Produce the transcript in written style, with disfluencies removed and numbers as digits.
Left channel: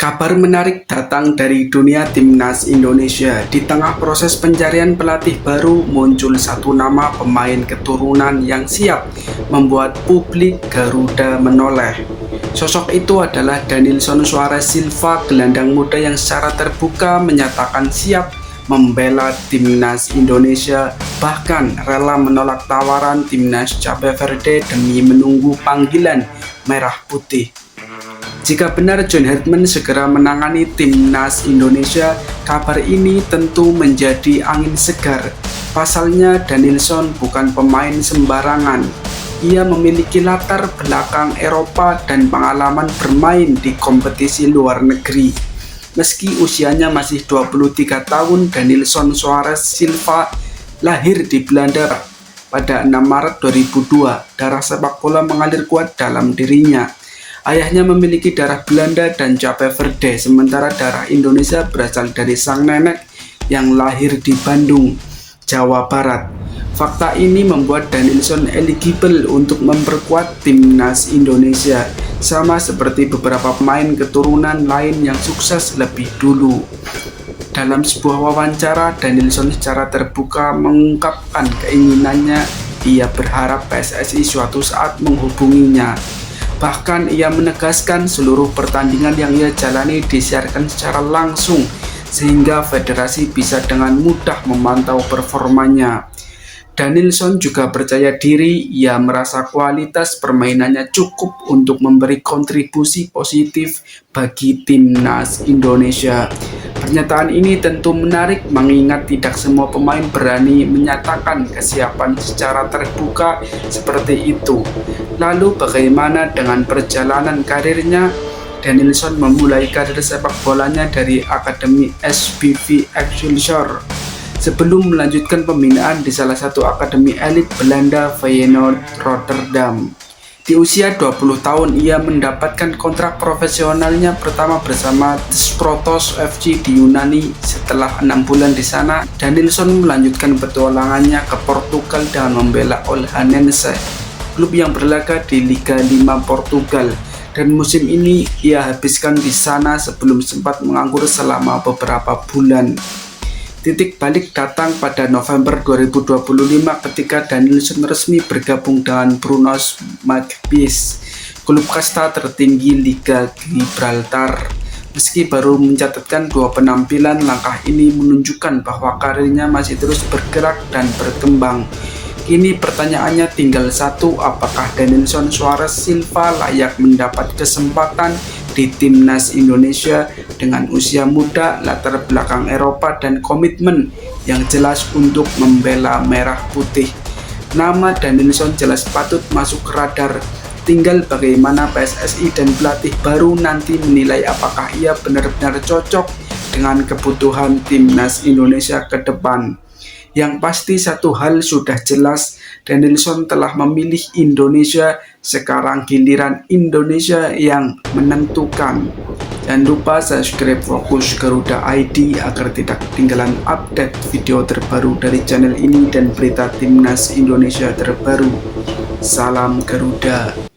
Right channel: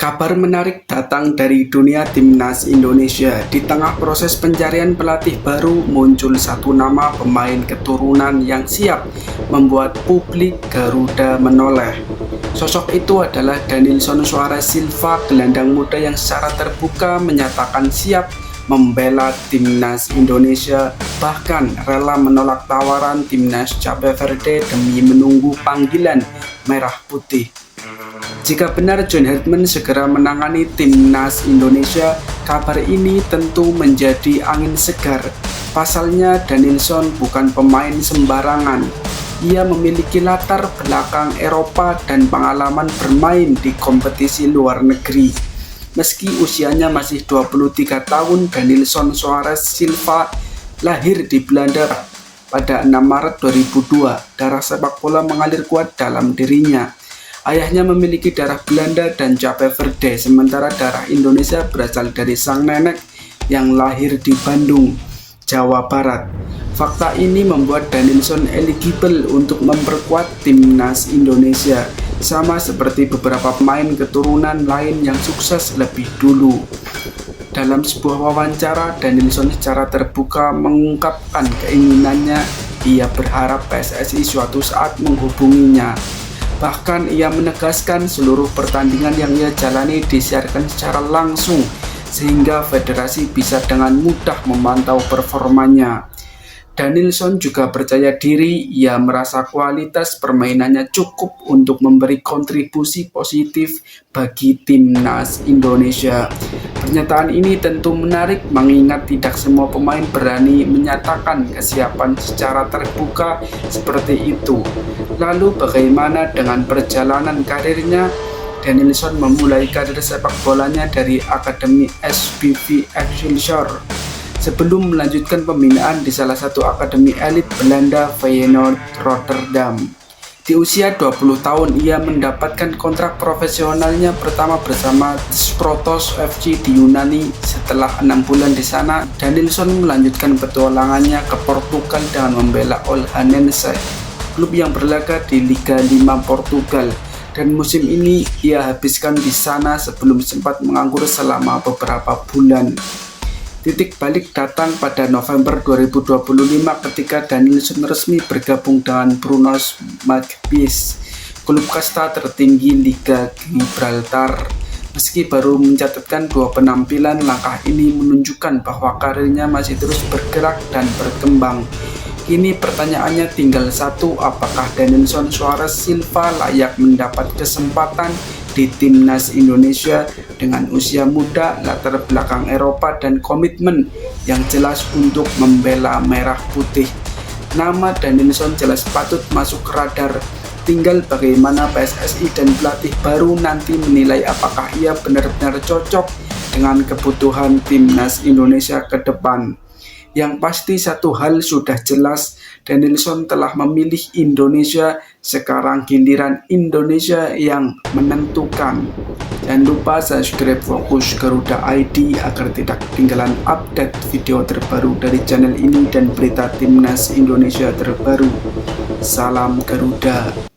Kabar menarik datang dari dunia timnas Indonesia. Di tengah proses pencarian pelatih baru, muncul satu nama pemain keturunan yang siap membuat publik Garuda menoleh. Sosok itu adalah Daninson Suarez Silva, gelandang muda yang secara terbuka menyatakan siap membela timnas Indonesia, bahkan rela menolak tawaran timnas Cape Verde demi menunggu panggilan merah putih. Jika benar John Herdman segera menangani timnas Indonesia, kabar ini tentu menjadi angin segar. Pasalnya, Daninson bukan pemain sembarangan. Ia memiliki latar belakang Eropa dan pengalaman bermain di kompetisi luar negeri. Meski usianya masih 23 tahun, Daninson Suarez Silva lahir di Belanda pada 6 Maret 2002. Darah sepak bola mengalir kuat dalam dirinya. Ayahnya memiliki darah Belanda dan Cape Verde, sementara darah Indonesia berasal dari sang nenek yang lahir di Bandung, Jawa Barat. Fakta ini membuat Daninson eligible untuk memperkuat timnas Indonesia, sama seperti beberapa pemain keturunan lain yang sukses lebih dulu. Dalam sebuah wawancara, Daninson secara terbuka mengungkapkan keinginannya. Ia berharap PSSI suatu saat menghubunginya. Bahkan ia menegaskan seluruh pertandingan yang ia jalani disiarkan secara langsung sehingga federasi bisa dengan mudah memantau performanya. Daninson juga percaya diri, ia merasa kualitas permainannya cukup untuk memberi kontribusi positif bagi timnas Indonesia. Pernyataan ini tentu menarik mengingat tidak semua pemain berani menyatakan kesiapan secara terbuka seperti itu. Lalu bagaimana dengan perjalanan karirnya? Daninson memulai karir sepak bolanya dari Akademi SBV Excelsior sebelum melanjutkan pembinaan di salah satu akademi elit Belanda, Feyenoord Rotterdam. Di usia 20 tahun, ia mendapatkan kontrak profesionalnya pertama bersama Sprotos FC di Yunani. Setelah 6 bulan di sana, Daninson melanjutkan petualangannya ke Portugal dan membela Olhanense, klub yang berlaga di Liga 5 Portugal. Dan musim ini ia habiskan di sana sebelum sempat menganggur selama beberapa bulan. Titik balik datang pada November 2025 ketika Daninson resmi bergabung dengan Brugge Magpies, klub kasta tertinggi Liga Gibraltar. Meski baru mencatatkan 2 penampilan, langkah ini menunjukkan bahwa karirnya masih terus bergerak dan berkembang. Kini pertanyaannya tinggal satu, apakah Daninson Suarez Silva layak mendapat kesempatan di timnas Indonesia dengan usia muda, latar belakang Eropa, dan komitmen yang jelas untuk membela merah putih. Nama Daninson jelas patut masuk radar. Tinggal bagaimana PSSI dan pelatih baru nanti menilai apakah ia benar-benar cocok dengan kebutuhan timnas Indonesia ke depan. Yang pasti satu hal sudah jelas, Daninson telah memilih Indonesia. Sekarang giliran Indonesia yang menentukan. Jangan lupa subscribe Fokus Garuda ID agar tidak ketinggalan update video terbaru dari channel ini dan berita timnas Indonesia terbaru. Salam Garuda.